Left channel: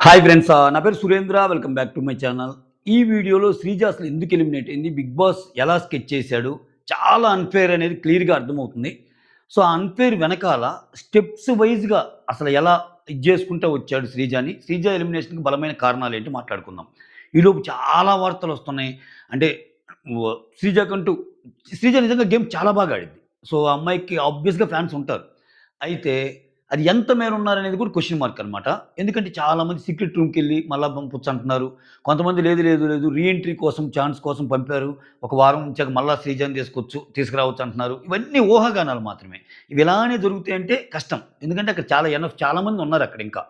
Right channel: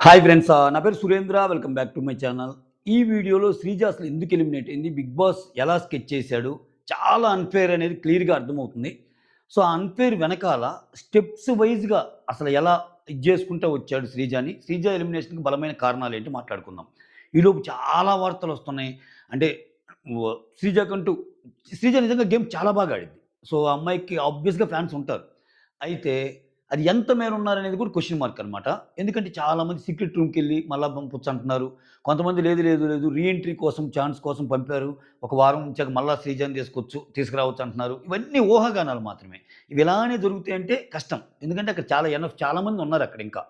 Hi friends. నా పేరు Surendra. Welcome back to my channel. ఈ వీడియోలో శ్రీజ అసలు ఎందుకు ఎలిమినేట్ అయింది? బిగ్ బాస్ ఎలా స్కెచ్ చేశాడు? చాలా అన్‌ఫెయిర్ అనేది క్లియర్‌గా అర్థమవుతుంది. సో, ఆ అన్‌ఫెయిర్ వెనకాల స్టెప్స్ వైస్‌గా అసలు ఎలా ఇది చేసుకుంటూ వచ్చాడు శ్రీజని. శ్రీజ ఎలిమినేషన్‌కి బలమైన కారణాలేంటి మాట్లాడుకుందాం. ఈలోపు చాలా వార్తలొస్తున్నాయి. అంటే శ్రీజకంటూ శ్రీజ నిజంగా గేమ్ చాలా బాగా ఆడిద్ది. సో, ఆ అమ్మాయికి ఆబ్వియస్‌గా ఫ్యాన్స్ ఉంటారు. అయితే అది ఎంత మేర ఉన్నారనేది కూడా క్వెషన్ మార్క్ అనమాట. ఎందుకంటే చాలామంది సీక్రెట్ రూమ్‌కెళ్ళి మళ్ళా పంపొచ్చంటున్నారు. కొంతమంది లేదు రీ ఎంట్రీ కోసం ఛాన్స్ కోసం పంపారు. ఒక వారం ఉంచాక మళ్ళా శ్రీజని తీసుకురావచ్చు అంటున్నారు. ఇవన్నీ ఊహాగానాలు మాత్రమే. ఇవి ఇలానే జరుగుతాయంటే కష్టం. ఎందుకంటే అక్కడ చాలా మంది ఉన్నారక్కడ ఇంకా.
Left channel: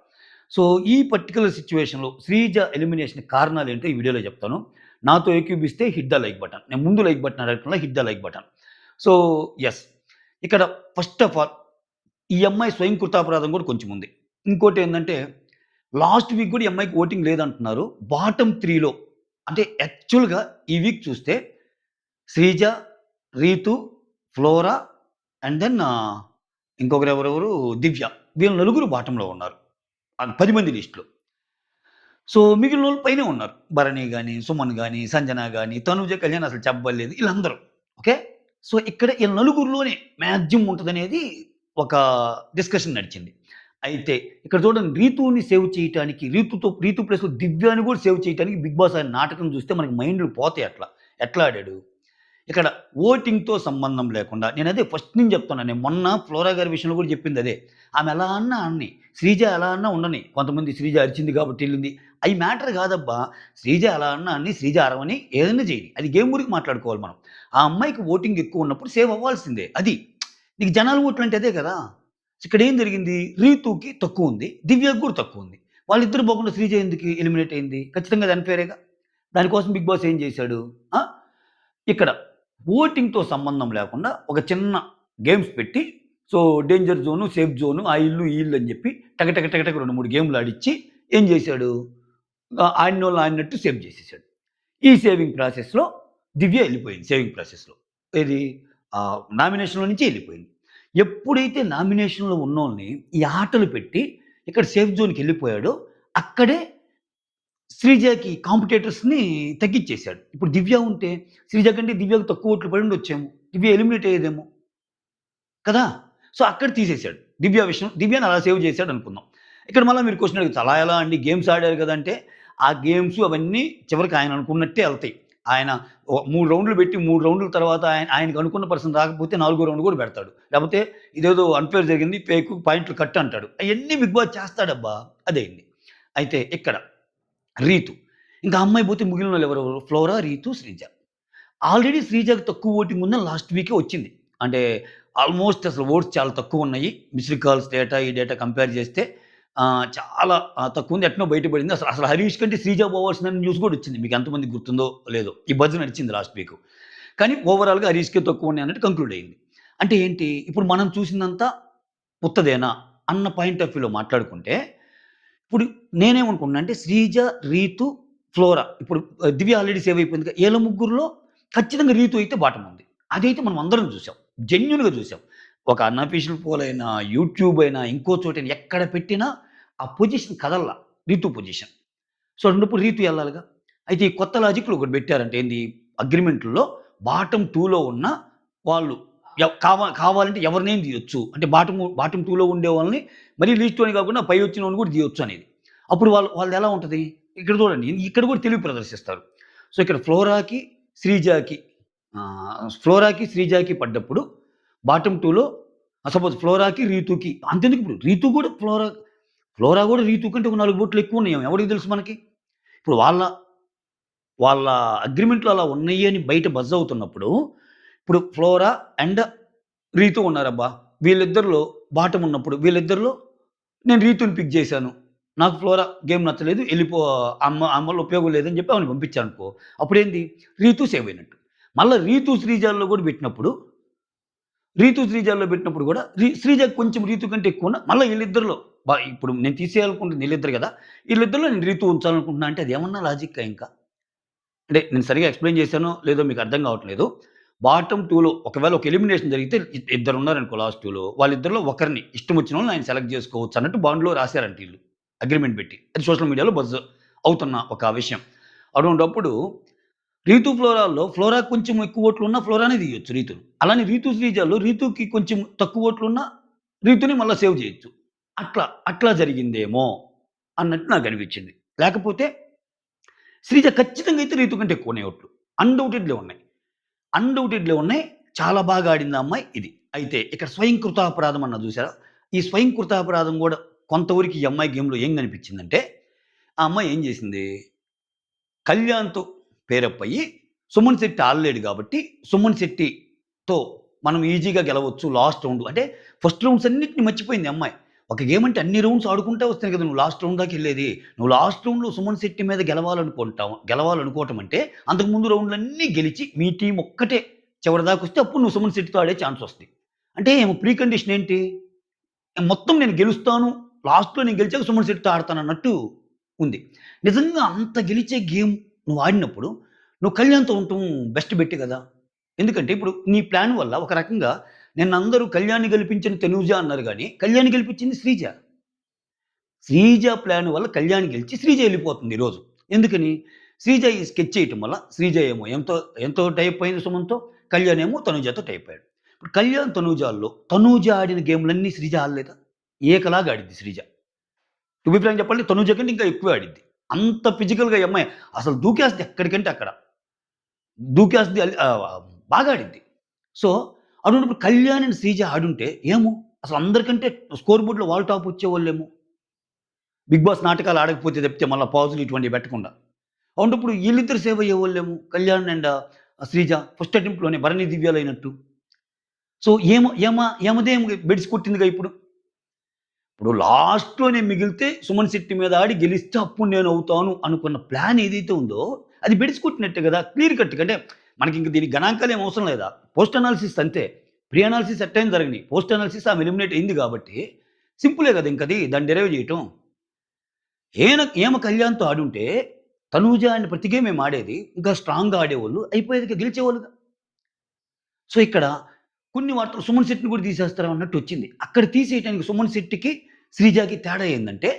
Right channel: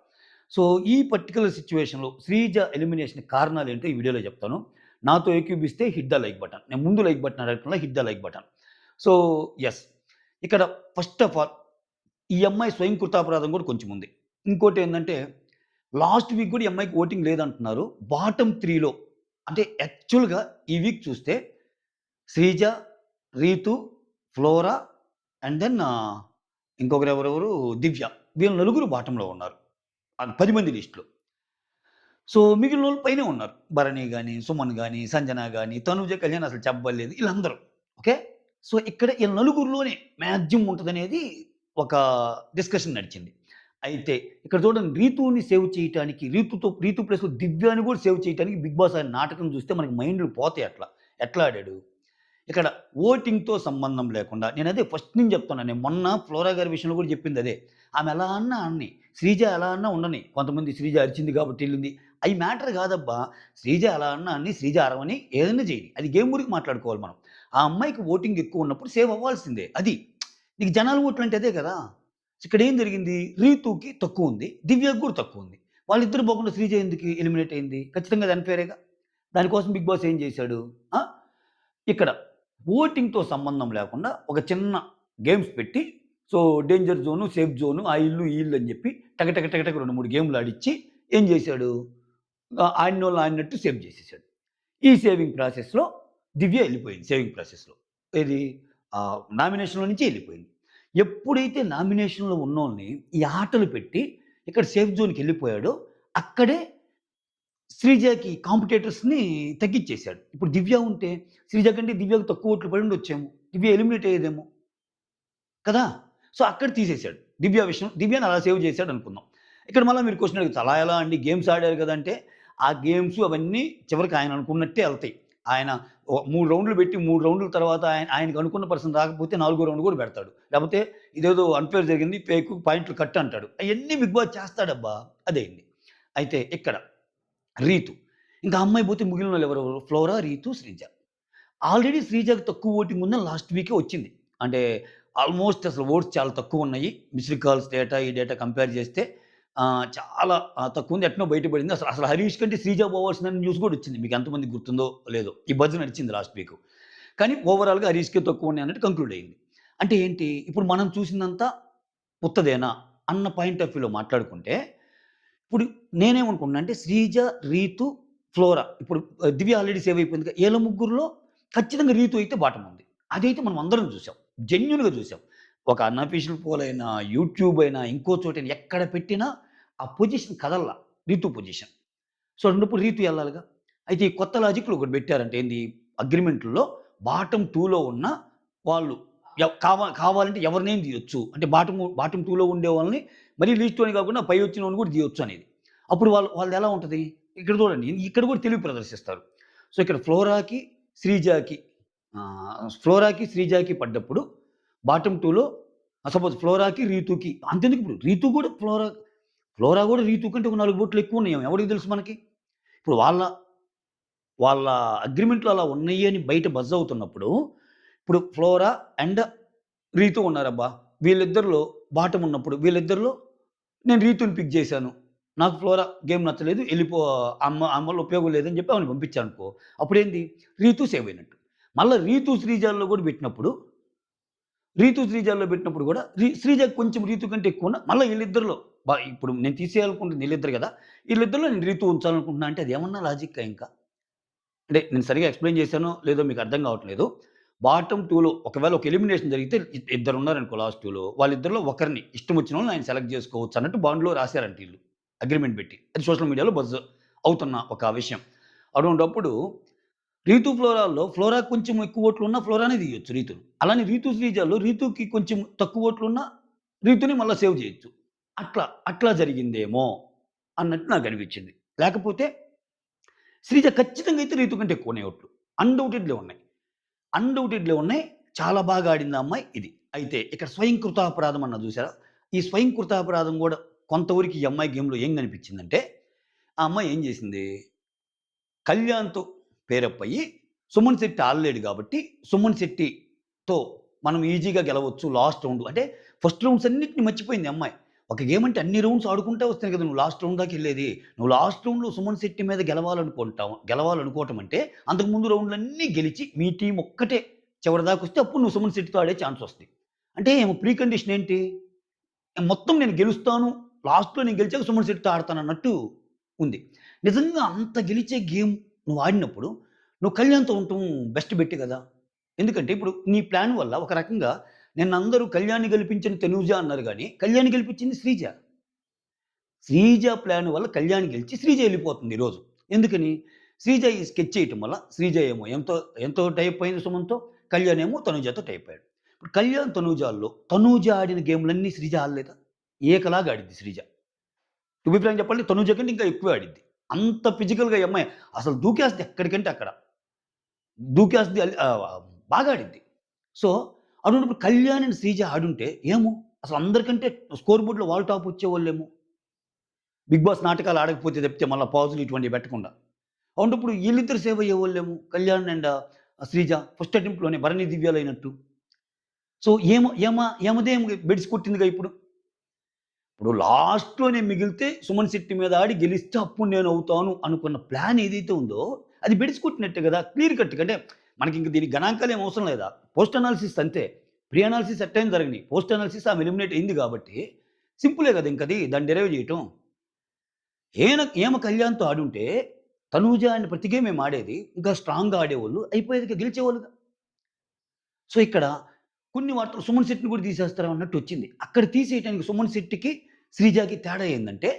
సో, ఈ పర్టిక్యులర్ సిట్యుయేషన్‌లో శ్రీజ ఎలిమినేషన్ కారణాలేంటో ఈ వీడియోలో చెప్తాను. నాతో ఏకీభవిస్తే హిట్ ద లైక్ బటన్. నేను ముందు లైక్ బటన్ అడగటంలా hit the like button. So, yes. ఇక్కడ ఫస్ట్ ఆఫ్ ఆల్ ఈ అమ్మాయి స్వయం కృతాపరాధం కూడా కొంచెం ఉంది. ఇంకోటేందంటే, లాస్ట్ వీక్ కూడా ఈ అమ్మాయికి ఓటింగ్ లేదంటున్నారు. బాటమ్ 3లో అంటే యాక్చువల్‌గా ఈ వీక్ చూస్తే Sreeja, Ritu, Flora and then ఇంకొకరెవరెవరు దివ్య. వీళ్ళు నలుగురు బాటమ్‌లో ఉన్నారు. 10 మంది లిస్ట్‌లో. సో, మిగిలినోళ్ళు పైనే ఉన్నారు. భరణి గాని, సుమన్ గాని, సంజన గాని, తనూజ, కళ్యాణ్ అసలు చెప్పబల్లేదు. ఈళ్ళందరూ. ఓకే. సో, ఇక్కడ ఈళ్ళ నలుగురిలోనే మాక్సిమం ఉంటదనేది ఒక డిస్కషన్ నడిచింది. అయితే ఇక్కడ చూడండి రీతూని సేవ్ చేయటానికి రీతు ప్లేస్‌లో దివ్యాని కూడా సేవ్ చేయటానికి బిగ్ బాస్ ఆయన నాటకం చూస్తే మనకి మైండ్‌లు పోతాయి అట్లా. ఎట్లా ఆడాడు? ఇక్కడ ఓటింగ్‌తో సంబంధం లేకుండా నేనదే ఫస్ట్ నుంచి చెప్తున్నా. నేను మొన్న ఫ్లోరా గారి విషయంలో కూడా చెప్పిందదే. ఆమె ఎలా అన్నా అనని. శ్రీజ ఎలా అన్నా ఉండని. కొంతమంది శ్రీజ అరిచింది కాబట్టి ఎళ్ళింది. అయి మ్యాటర్ కాదబ్బా! శ్రీజ ఎలా అన్నా అని, శ్రీజ అరవని, ఏదైనా చేయని. అది గేమ్ గురించి మాట్లాడుకోవాలి మనం. ఆ అమ్మాయికి ఓటింగ్ ఎక్కువున్నప్పుడు సేవ్ అవ్వాల్సిందే. అది. నీకు జనాల ఓట్లంటే అదే కదా! ఇక్కడేం జరిగింది? రీతూకి తక్కువుంది. దివ్యకి కూడా తక్కువుంది. వాళ్ళిద్దరు పోకుండా శ్రీజ ఎందుకు ఎలిమినేట్ అయింది? ఖచ్చితంగా అది అన్‌ఫెయిరేగా. దానికోసం బిగ్ బాస్ ఏం చేశాడు? ఆ! ఇక్కడ ఓటింగ్‌తో సంబంధం లేకుండా ఒక చిన్న గేమ్స్ పెట్టి so, danger zone, safe zone, ఆ ఇల్లు, ఈ ఇల్లు అని చెప్పి టక 2, 3 గేమ్‌లు ఆడిచ్చి ఏం చేశాడు? ఆడినోళ్ళు ఆడినట్టు సేవ్ చేసేసాడు. ఈ సేవింగ్ ప్రాసెస్‌లో దివ్య ఎళ్ళిపోయింది సేవింగ్ ప్రాసెస్‌లో. ఏది? నామినేషన్‌లో నుంచి ఎళ్ళిపోయింది. ఎప్పుడైతే నామినేషన్‌లో ఉన్నోళ్ళని ఈ ఆటలు పెట్టి ఇక్కడ సేఫ్ జోన్‌కెళ్ళిపోయాడో అక్కడే శ్రీజకి కాంపిటీటర్స్‌ని తగ్గిచ్చేసాడు. ఇప్పుడు దివ్య ఉంటే శ్రీజ కంటే దివ్యకు తక్కువ ఓట్లు పడుండొచ్చేమో. దివ్య ఎలిమినేట్ అయ్యేదేమో. కదా! సో, అక్కడ తీసేసాడు. దివ్యని అలా సేవ్ చేసాడనుకుందాం. ఇక్కడ మళ్ళా మీరు క్వెషన్ అడగొచ్చు. అలా ఎలా అండి గేమ్స్ ఆడారు గదంటే, ఆ గేమ్స్ అవన్నీ చివరికి ఆయన అనుకున్నట్టే ఎళ్తాయి. ఆయన 3 రౌండ్‌లు పెట్టి 3 రౌండ్‌ల తర్వాత ఆయనకు అనుకున్న పర్సన్ రాకపోతే నాలుగో రౌండ్ గూడా పెడతాడు. లేపోతే ఇదేదో అన్‌ఫెయిర్ జరిగింది ఫేకు పాయింట్లు కట్ అంటాడు. అయన్నీ బిగ్ బాస్ చేస్తాడబ్బా! అదయింది. అయితే ఇక్కడ రీతు. ఇంకా ఆ అమ్మాయి పోతే మిగిలినోళ్ళు ఎవరెవరు? ఫ్లోరా, రీతు, శ్రీజ. ఆల్రెడీ శ్రీజకి తక్కువ ఓటింగ్ ఉందని లాస్ట్ వీకే వచ్చింది. అంటే ఆల్‌మోస్ట్ అసలు ఓట్స్ చాలా తక్కువున్నాయి. మిస్డ్ కాల్స్ డేటా, ఈ డేటా కంపేర్ చేస్తే చాలా తక్కువుంది. ఎట్నో బయటపడింది. అసలు అసలు హరీష్ కంటే శ్రీజ పోవాల్సిందని న్యూస్ కూడా వచ్చింది. మీకు ఎంతమందికి గుర్తుందో లేదో. ఈ బజ్ నడిచింది లాస్ట్ వీక్. కానీ ఓవరాల్‌గా హరీష్‌కే తక్కువున్నాయి అన్నట్టు కంక్లూడ్ అయింది. అంటే ఏంటి? ఇప్పుడు మనం చూసిందంతా ఉత్తదేనా అన్న పాయింట్ ఆఫ్ వ్యూలో మాట్లాడుకుంటే, ఇప్పుడు నేనేమనుకున్నా అంటే శ్రీజ, రీతు, ఫ్లోరా ఇప్పుడు దివ్య ఆల్రెడీ సేవ్ అయిపోయిందిగా. ఈళ్ళ ముగ్గురిలో ఖచ్చితంగా రీతు అయితే బాటమ్ ఉంది. అదైతే మనం అందరం చూసాం. జెన్యూన్‌గా చూసాం. ఒక అన్‌అఫీషియల్ పోల్ అయినా, యూట్యూబ్ అయినా, ఇంకో చోటైనా ఎక్కడ పెట్టినా ఆ పొజిషన్ కదలలా. రీతు పొజిషన్. సో, అన్నప్పుడు రీతు ఎళ్ళాలిగా. అయితే ఈ కొత్త లాజిక్‌లు ఒకటి పెట్టారంట. ఏంది? అగ్రీమెంట్‌ల్లో బాటమ్ 2లో ఉన్న వాళ్ళు కావాలంటే ఎవరినైనా తీయొచ్చు. అంటే బాటమ్ 2లో ఉండేవాళ్ళని మరీ లీస్ట్ అని కాకుండా పై వచ్చినోడిని కూడా తీయొచ్చు అనేది. అప్పుడు వాళ్ళదెలా ఉంటది? ఇక్కడ చూడండి. ఇక్కడ కూడా తెలివి ప్రదర్శిస్తారు. సో, ఇక్కడ ఫ్లోరాకి, శ్రీజాకి పడ్డప్పుడు బాటమ్ 2లో సపోజ్ ఫ్లోరాకి, రీతూకి అంతెందుకు ఇప్పుడు ఫ్లోరా కూడా రీతూ కంటే ఒక 4 ఓట్లు ఎక్కువున్నాయేమో ఎవడికి తెలుసు మనకి? ఇప్పుడు వాళ్ళ అగ్రీమెంట్‌లో అలా ఉన్నాయి అని బయట బజ్ అవుతున్నప్పుడు, ఇప్పుడు ఫ్లోరా అండ్ రీతూ ఉన్నారబ్బా! వీళ్ళిద్దరిలో బాటమ్ ఉన్నప్పుడు, వీళ్ళిద్దరిలో నేను రీతూని పిక్ జేశాను. నాకు ఫ్లోరా గేమ్ నచ్చలేదు. ఆమె వల్ల ఉపయోగం లేదని చెప్పి ఆమెని పంపించాననుకో, అప్పుడేంది రీతూ సేవ్ అయినట్టు. మళ్ళా శ్రీజాల్లో పెట్టినప్పుడు గూడా శ్రీజ కొంచెం రీతు కంటే ఎక్కువున్న మళ్ళా ఈళ్ళిద్దరిలో ఇప్పుడు నేను తీసేయాలనుకుంటుంది ఈళ్ళిద్దరు గదా! ఈళ్ళిద్దరిలో నేను రీతూ ఉంచాలనుకుంటున్నా అంటే అదేమన్నా లాజిక్కా ఇంకా? అంటే నేను సరిగ్గా ఎక్స్‌ప్లెయిన్ చేశానో లేదో మీకు అర్థం కావట్లేదు. బాటమ్ 2లో ఒకవేళ ఒక ఎలిమినేషన్ జరిగితే ఇద్దరున్నారనుకో లాస్ట్ 2లో వాళ్ళిద్దరిలో ఒకరిని ఇష్టం వచ్చినోళ్ళని ఆయన సెలెక్ట్ చేసుకోవచ్చు అన్నట్టు బాండ్‌లో రాసారంట ఈళ్ళు. అగ్రీమెంట్ పెట్టి. అది సోషల్ మీడియాలో బజ్ అవుతున్న ఒక విషయం. అటువంటప్పుడు రీతు ఫ్లోరాల్లో ఫ్లోరా కొంచెం ఎక్కువ ఓట్లున్నా ఫ్లోరానే తీయొచ్చు రీతుని. అలానే రీతు శ్రీజాలో రీతుకి కొంచెం తక్కువ ఓట్లున్నా రీతుని మళ్ళా సేవ్ చేయొచ్చు. అట్లా జరిగిందేమో అన్నట్టు నాకనిపించింది. లేకపోతే శ్రీజ ఖచ్చితంగా అయితే రీతు కంటే ఎక్కువున్నాయి ఓట్లు. అన్‌డౌటెడ్‌లీ ఉన్నాయి. అన్‌డౌటెడ్‌లీ ఉన్నాయి. చాలా బాగా ఆడింది ఆ అమ్మాయి ఇది. అయితే ఇక్కడ స్వయంకృతాపరాధం అన్నా చూసారా? ఈ స్వయంకృతాపరాధం గూడా కొంతవరకు ఈ అమ్మాయి గేమ్‌లో ఏం కనిపించిందంటే, ఆ అమ్మాయి ఏం చేసింది, కళ్యాణ్‌తో పేరప్ అయ్యి, సుమన్ శెట్టి ఆడలేడు కాబట్టి, సుమన్ శెట్టితో మనం ఈజీగా గెలవచ్చు లాస్ట్ రౌండ్. అంటే ఫస్ట్ రౌండ్స్ అన్నిటిని మర్చిపోయింది ఈ అమ్మాయి. ఒక గేమ్ అంటే అన్ని రౌండ్స్ ఆడుకుంటా వస్తేనే కదా నువ్వు లాస్ట్ రౌండ్ దాకెళ్ళేది. నువ్వు లాస్ట్ రౌండ్‌లో సుమన్ శెట్టి మీద గెలవాలనుకోవటం అంటే, అంతకుముందు రౌండ్‌లన్నీ గెలిచి, మీ టీమ్ ఒక్కటే చివరిదాకొస్తే అప్పుడు నువ్వు సుమన్ శెట్టితో ఆడే ఛాన్స్ వస్తది. అంటే ప్రీ కండిషన్ ఏంటి? మొత్తం నేను గెలుస్తాను. లాస్ట్‌లో నేను గెలిచాక సుమన్ శెట్టితో ఆడతానన్నట్టు ఉంది. నిజంగా అంత గెలిచే గేమ్ నువ్వు ఆడినప్పుడు, నువ్వు కళ్యాణ్‌తో ఉండటం బెస్ట్ బెట్టే గదా! ఎందుకంటే ఇప్పుడు నీ ప్లాన్ వల్ల ఒక రకంగా నిన్నందరూ కళ్యాణ్‌ని గెలిపించిన తనూజ అన్నారు గానీ, కళ్యాణ్‌ని గెలిపించింది శ్రీజ. శ్రీజ ప్లాన్ వల్ల కళ్యాణ్ గెలిచి శ్రీజ ఎళ్ళిపోతుంది ఈరోజు. ఎందుకని? శ్రీజ ఈ స్కెచ్ చేయటం వల్ల శ్రీజ ఏమో ఎంతో టైప్ అయింది సుమన్‌తో. కళ్యాణ్ ఏమో తనూజతో టైప్ అయ్యాడు. ఇప్పుడు కళ్యాణ్, తనూజాల్లో తనూజ ఆడిన గేమ్‌లన్నీ శ్రీజ ఆడలేదా? ఏకలాగా ఆడిద్ది శ్రీజ. టు బీ ఫ్రాంక్ చెప్పాలంటే తనూజ కంటే ఇంకా ఎక్కువే ఆడిద్ది. అంత ఫిజికల్‌గా ఈ అమ్మాయి అసలు దూకేస్తది ఎక్కడికంటే అక్కడ. దూకేస్తది బాగా ఆడిద్ది. సో, అటువంటిప్పుడు కళ్యాణ్ అండ్ శ్రీజ ఆడుంటే ఏమో అసలు అందరికంటే స్కోర్ బోర్డ్‌లో వాళ్ళు టాప్ వచ్చేవాళ్ళేమో. 'బిగ్ బాస్' నాటకాలు ఆడకపోతే తప్పితే మళ్ళా పాజులు ఇటువంటివి పెట్టకుండా. అవుంటప్పుడు ఈళ్ళిద్దరు సేవ్ అయ్యేవాళ్ళేమో. కళ్యాణ్ అండ్ శ్రీజ ఫస్ట్ అటెంప్ట్‌లోనే భరణి, దివ్యాలయినట్టు. సో, ఏమదేం బెడిసి కొట్టిందిగా ఇప్పుడు. ఇప్పుడు లాస్ట్‌లో నేను మిగిలితే సుమన్ శెట్టి మీద ఆడి గెలిస్తే అప్పుడు నేనవుతాను అనుకున్న ప్లాన్ ఏదైతే ఉందో అది బెడిసి కొట్టినట్టే గదా! క్లియర్ కట్‌గా అంటే మనకింక దీనికి గణాంకాలేం అవసరం లేదా? పోస్ట్ అనాలిసిస్ అంతే. ప్రీ అనాలిసిస్ ఎట్టైనా జరగని. పోస్ట్ అనాలిసిస్ ఆమె ఎలిమినేట్ అయింది గాబట్టి సింపులే గదా! ఇంకది దాన్ని డిరైవ్ జేయటం. ఈమె కళ్యాణ్‌తో ఆడుంటే తనూజ అండ్ ప్రతి గేమ్ మేము ఆడేది. ఇంకా స్ట్రాంగ్‌గా ఆడేవాళ్ళు. అయిపోయేదిగా గెలిచేవాళ్ళుగా. సో, ఇక్కడ కొన్ని వార్తలు సుమన్ శెట్టిని కూడా తీసేస్తారా అన్నట్టొచ్చింది. అక్కడ తీసేయటానికి సుమన్ శెట్టికి, శ్రీజకి తేడా ఏందంటే,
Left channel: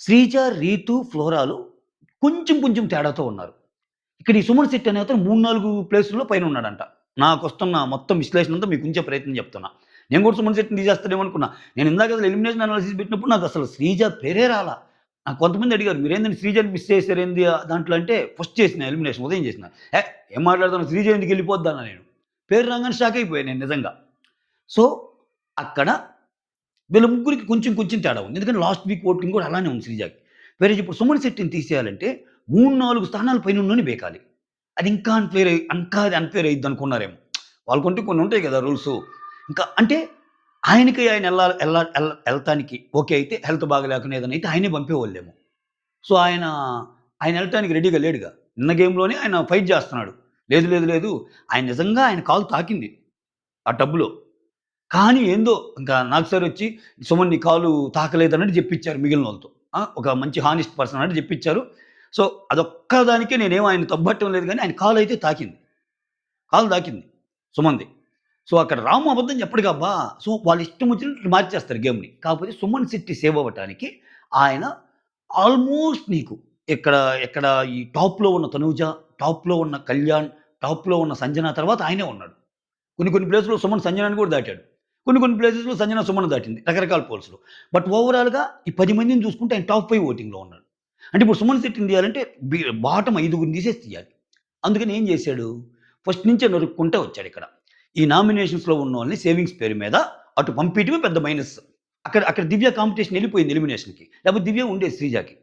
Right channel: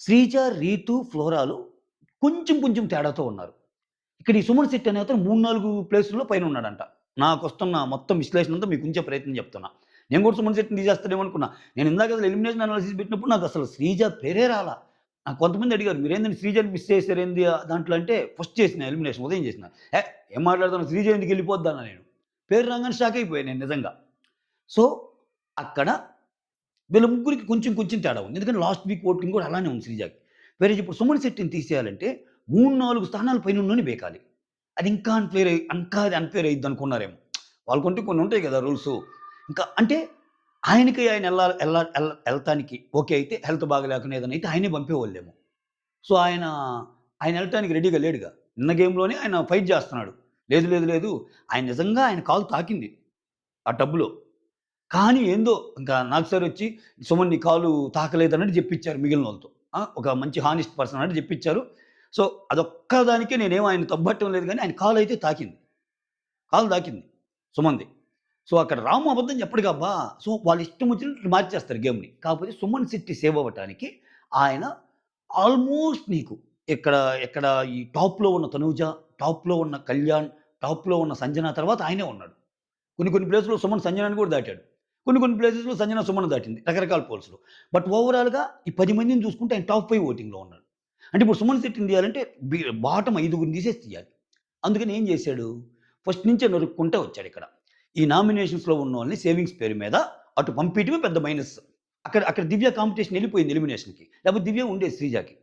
శ్రీజ, రీతు, ఫ్లోరాలు కొంచెం తేడాతో ఉన్నారు. ఇక్కడ ఈ సుమన్ శెట్టి అనే అతను 3, 4 ప్లేసుల్లో పైనున్నాడంట. నాకొస్తున్న మొత్తం విశ్లేషణంతా మీకు ఉంచే ప్రయత్నం చెప్తున్నా. నేను కూడా సుమన్ శెట్టిని తీసేస్తాడేమో అనుకున్నా. నేను ఇందాక అసలు ఎలిమినేషన్ అనాలిసిస్ పెట్టినప్పుడు నాకసలు శ్రీజ పేరే రాలా. నాకు కొంతమంది అడిగారు, "మీరేందండి శ్రీజని మిస్ చేసారేంది దాంట్లో" అంటే ఫస్ట్ చేసిన ఎలిమినేషన్ ఉదయం చేసిన. ఏం మాట్లాడుతున్నావు శ్రీజ ఎందుకెళ్ళిపోద్దన్నా నేను. పేరు రాంగానే షాక్ అయిపోయాను నేను నిజంగా. సో, అక్కడ వీళ్ళ ముగ్గురికి కొంచెం తేడా ఉంది. ఎందుకంటే లాస్ట్ వీక్ ఓటింగ్ కూడా అలానే ఉంది శ్రీజకి. వేరేజ్ ఇప్పుడు సుమన్ శెట్టిని తీసేయాలంటే 3, 4 స్థానాలు పైనున్నోడిని బేకాలి. అది ఇంకా అది అన్‌ఫెయిర్ అయ్యిద్దనుకున్నారేమో. వాళ్ళకుంటూ కొన్ని ఉంటాయి గదా! రూల్సు. ఇంకా అంటే ఆయనకి ఆయన ఎళ్ళాలి ఎళ్ళ ఎల్ ఎళ్తానికి ఓకే అయితే హెల్త్ బాగాలేకనో ఏదైనా అయితే ఆయనే పంపేవాళ్ళేమో. సో, ఆయన ఎళ్ళటానికి రెడీగా లేడుగా. నిన్న గేమ్‌లోనే ఆయన ఫైట్ జేస్తున్నాడు. లేదు. ఆయన నిజంగా ఆయన కాలు తాకింది ఆ టబ్‌లో. కానీ ఏందో ఇంకా నాగ్ సారొచ్చి, "సుమన్ నీ కాలు తాకలేదన్నట్టు" జెప్పిచ్చారు మిగిలినోళ్ళతో. ఒక మంచి హానెస్ట్ పర్సన్ అన్నట్టు జెప్పిచ్చారు. సో, అదొక్క దానికే నేనేం ఆయన్ని తప్పట్టం లేదు గానీ, ఆయన కాలయితే తాకింది. కాలు తాకింది సుమన్‌ది. సో, అక్కడ రాము అబద్ధం చెప్పడుగా అబ్బా! సో, వాళ్ళిష్టం వచ్చినట్లు మార్చేస్తారు గేమ్‌ని. కాకపోతే సుమన్ శెట్టి సేవ్ అవ్వటానికి ఆయన ఆల్మోస్ట్ నీకు ఇక్కడ ఇక్కడ ఈ టాప్‌లో ఉన్న తనూజ, టాప్‌లో ఉన్న కళ్యాణ్, టాప్‌లో ఉన్న సంజన తర్వాత ఆయనే ఉన్నాడు. కొన్ని ప్లేస్‌లో సుమన్ సంజనాని కూడా దాటాడు. కొన్ని ప్లేసెస్‌లో సంజన సుమన్ దాటింది. రకరకాల పోల్స్‌లో. బట్ ఓవరాల్‌గా ఈ 10 మందిని చూసుకుంటే ఆయన టాప్ 5 ఓటింగ్‌లో ఉన్నాడు. అంటే ఇప్పుడు సుమన్ శెట్టిని తీయాలంటే బాటమ్ ఐదుగురిని తీసేసి తీయాలి. అందుకని ఏం చేశాడు? ఫస్ట్ నుంచే నరుక్కుంటా వచ్చాడిక్కడ. ఈ నామినేషన్స్‌లో ఉన్నోళ్ళని సేవింగ్స్ పేరు మీద అటు పంపియటమే పెద్ద మైనస్. అక్కడ దివ్య కాంపిటీషన్ ఎళ్ళిపోయింది ఎలిమినేషన్‌కి. లేకపోతే దివ్య ఉండేది శ్రీజకి.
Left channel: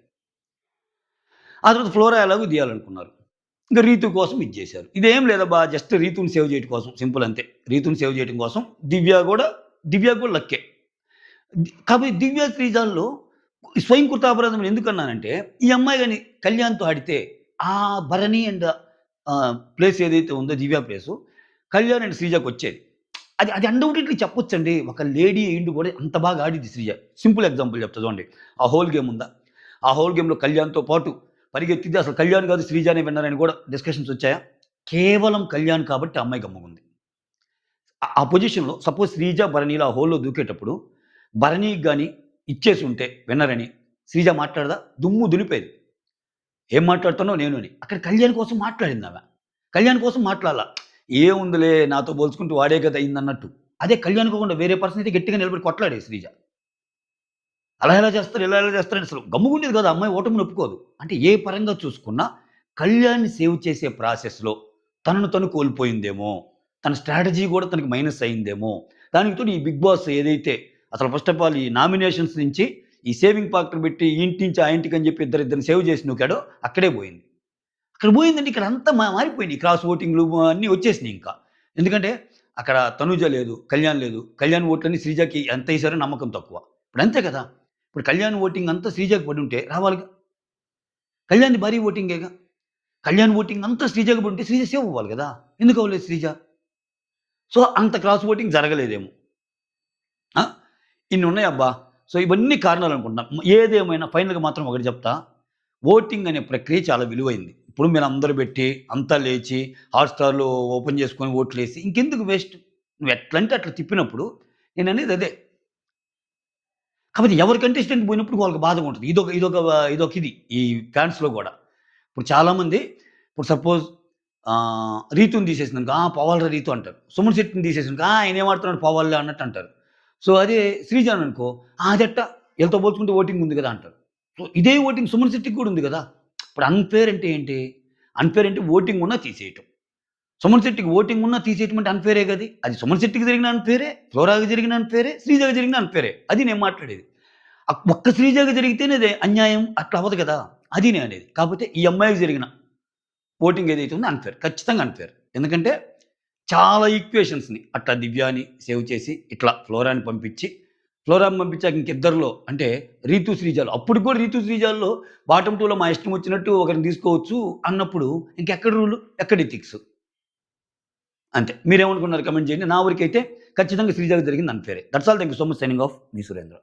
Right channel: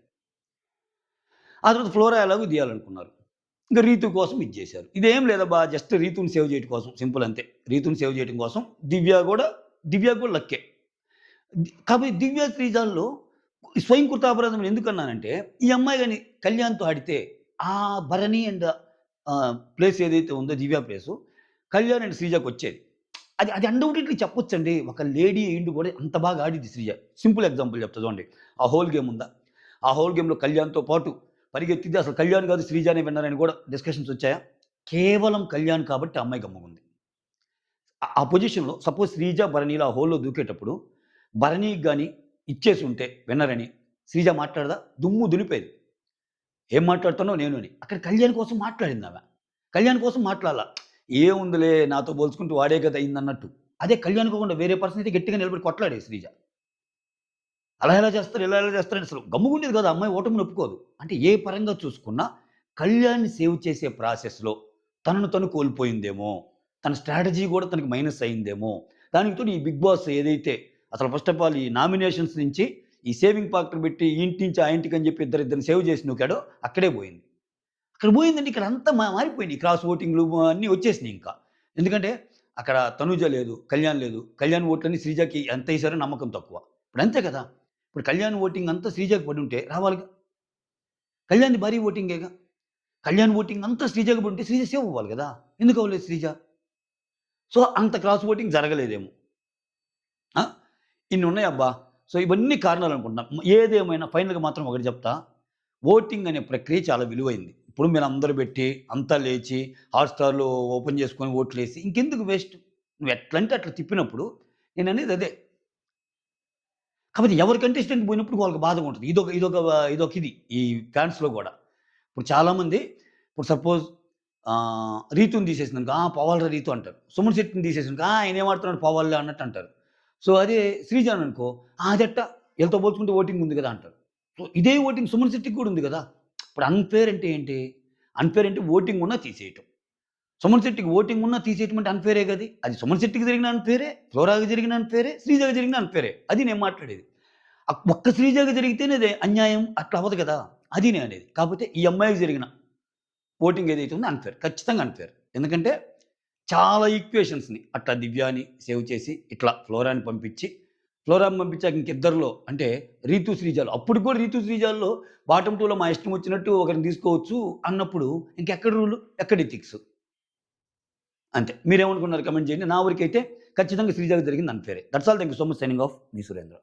ఆ తర్వాత ఫ్లోరా ఎలాగో తీయాలనుకున్నారు. ఇంక రీతు కోసం ఇది జేశారు. ఇదేం లేదబ్బా! జస్ట్ రీతుని సేవ్ చేయటం కోసం సింపుల్ అంతే. రీతుని సేవ్ చేయటం కోసం దివ్య గూడా లక్కే. కాపోతే దివ్య, శ్రీజాల్లో స్వయం కృతాపరాధం ఎందుకన్నానంటే, ఈ అమ్మాయి గాని కళ్యాణ్‌తో ఆడితే ఆ భరణి అండ్ ప్లేస్ ఏదైతే ఉందో దివ్య ప్లేసు, కళ్యాణ్ అండ్ శ్రీజకొచ్చేది. అది అన్‌డౌటెడ్‌లీ చెప్పొచ్చండి. ఒక లేడీ అయ్యుండి కూడా అంత బాగా ఆడిద్ది శ్రీజ. సింపుల్ ఎగ్జాంపుల్ చెప్తా చూడండి. ఆ హోల్ గేమ్ ఉందా? ఆ హోల్ గేమ్‌లో కళ్యాణ్‌తో పాటు పరిగెత్తింది అసలు కళ్యాణ్ కాదు శ్రీజానే విన్నర్ అని కూడా డిస్కషన్స్ వచ్చాయా? కేవలం కళ్యాణ్ కాబట్టి ఆ అమ్మాయి గమ్ముగుంది. ఆ పొజిషన్‌లో సపోజ్ శ్రీజ, భరణిలు ఆ హోల్‌లో దూకేటప్పుడు భరణికి గాని ఇచ్చేసుంటే విన్నర్ అని శ్రీజ మాట్లాడదా? దుమ్ము దులిపేది. ఏం మాట్లాడుతున్నావు నేను అని. అక్కడ కళ్యాణ్ కోసం మాట్లాడిందామె. కళ్యాణ్ కోసం మాట్లాడలా. ఏముందిలే నాతో పోల్చుకుంటే వాడే కదా అయిందన్నట్టు. అదే కళ్యాణ్ కాకుండా వేరే పర్సన్ అయితే గట్టిగా నిలబడి కొట్లాడేది శ్రీజ. అలా ఎలా చేస్తారు, ఇలా ఎలా చేస్తారని అసలు గమ్ముగుండేది కాదు. ఆ అమ్మాయి ఓటమిని ఒప్పుకోదు. అంటే ఏ పరంగా చూసుకున్నా కళ్యాణ్‌ని సేవ్ చేసే ప్రాసెస్‌లో తనను తను కోల్పోయిందేమో! తన స్ట్రాటజీ కూడా తనకి మైనస్ అయిందేమో! దానికి తోడు ఈ 'బిగ్ బాస్' ఏదైతే అసలు ఫస్ట్ ఆఫ్ ఆల్ ఈ నామినేషన్స్ నుంచి ఈ సేవింగ్ ఫ్యాక్టర్ పెట్టి ఈ ఇంటి నుంచి ఆ ఇంటికి అని చెప్పి ఇద్దరిద్దరిని సేవ్ చేసి నూకాడో అక్కడే పోయింది. అక్కడ పోయిందంటే ఇక్కడ అంతా మారిపోయినాయి. క్రాస్ ఓటింగ్‌లు అన్నీ వచ్చేసినాయి ఇంకా. ఎందుకంటే అక్కడ తనూజ లేదు, కళ్యాణ్ లేదు. కళ్యాణ్ ఓట్లన్నీ శ్రీజకి ఎంతేసారో నమ్మకం తక్కువ. ఇప్పుడు అంతే కదా! ఇప్పుడు కళ్యాణ్ ఓటింగ్ అంతా శ్రీజకి పడుంటే రావాలిగా. కళ్యాణ్‌ది భారీ ఓటింగేగా. కళ్యాణ్ ఓటింగ్ అంతా శ్రీజకి పడుంటే శ్రీజ సేవ్ అవ్వాలి గదా! ఎందుకు అవ్వలేదు శ్రీజ? సో, అంత క్రాస్ ఓటింగ్ జరగలేదేమో. ఆ! ఇన్నున్నాయబ్బా! సో, ఇవన్నీ కారణాలనుకుంటున్నా. ఏదేమైనా ఫైనల్‌గా మాత్రం ఒకటి చెప్తా. ఓటింగ్ అనే ప్రక్రియ చాలా విలువైంది. ఇప్పుడు మీరందరూ పెట్టి, అంతా లేచి, హాట్‌స్టార్‌లో ఓపెన్ చేసుకొని ఓట్లేసి ఇంకెందుకు వేస్ట్? నువ్వు ఎట్లంటే అట్లా తిప్పినప్పుడు నేననేది అదే. కాపోతే ఎవరి కంటెస్టెంట్ పోయినప్పుడు వాళ్ళకి బాధగా ఉంటది. ఇదొక ఇది ఈ ఫాన్స్‌లో గూడా. ఇప్పుడు చాలామంది ఇప్పుడు సపోజ్ 'రీతుని' తీసేసిందనుకో, పోవాలిరా రీతు అంటారు. 'సుమన్ శెట్టిని' తీసేసిందనుకో, ఆయనేం ఆడుతున్నాడు పోవాలిలే అన్నట్టు అంటారు. సో, అదే 'శ్రీజని' అనుకో, అదెట్టా ఈళ్ళతో పోల్చుకుంటే ఓటింగ్ ఉంది గదా! అంటారు. సో, ఇదే ఓటింగ్ 'సుమన్ శెట్టికి' కూడా ఉంది గదా! ఇప్పుడు అన్‌ఫెయిర్ అంటే ఏంటి? అన్‌ఫెయిర్ అంటే ఓటింగ్ ఉన్నా తీసేయటం. 'సుమన్ శెట్టికి' ఓటింగ్ ఉన్నా తీసేయటం అంటే అన్‌ఫెయిరే గది. అది 'సుమన్ శెట్టికి' జరిగిన అన్‌ఫెయిరే, ఫ్లోరాకి జరిగిన అన్‌ఫెయిరే, శ్రీజకి జరిగిన అన్‌ఫెయిరే. అది నేను మాట్లాడేది. ఒక్క శ్రీజకి జరిగితేనే అది అన్యాయం అట్లా అవ్వదు గదా! అది నేననేది. కాపోతే ఈ అమ్మాయికి జరిగిన ఓటింగ్ ఏదైతే ఉందో అన్‌ఫెయిర్. ఖచ్చితంగా అన్‌ఫెయిర్. ఎందుకంటే చాలా ఈక్వేషన్స్‌ని అట్లా దివ్యాని సేవ్ చేసి, ఇట్లా ఫ్లోరాని పంపించి, ఫ్లోరాని పంపించాక ఇంకిద్దరిలో అంటే 'రీతు శ్రీజాలు' అప్పటికి కూడా 'రీతు శ్రీజాల్‌లో' బాటమ్ 2లో మా ఇష్టం వచ్చినట్టు ఒకరిని తీసుకోవచ్చు అన్నప్పుడు ఇంకెక్కడ రూలు? ఎక్కడ ఎథిక్స్? అంతే. మీరేమనుకున్నారు కామెంట్ చేయండి. నా వరకైతే ఖచ్చితంగా శ్రీజాకి జరిగింది అన్‌ఫెయిరే. That's all. Thank you so much. Signing off. మీ సురేంద్ర.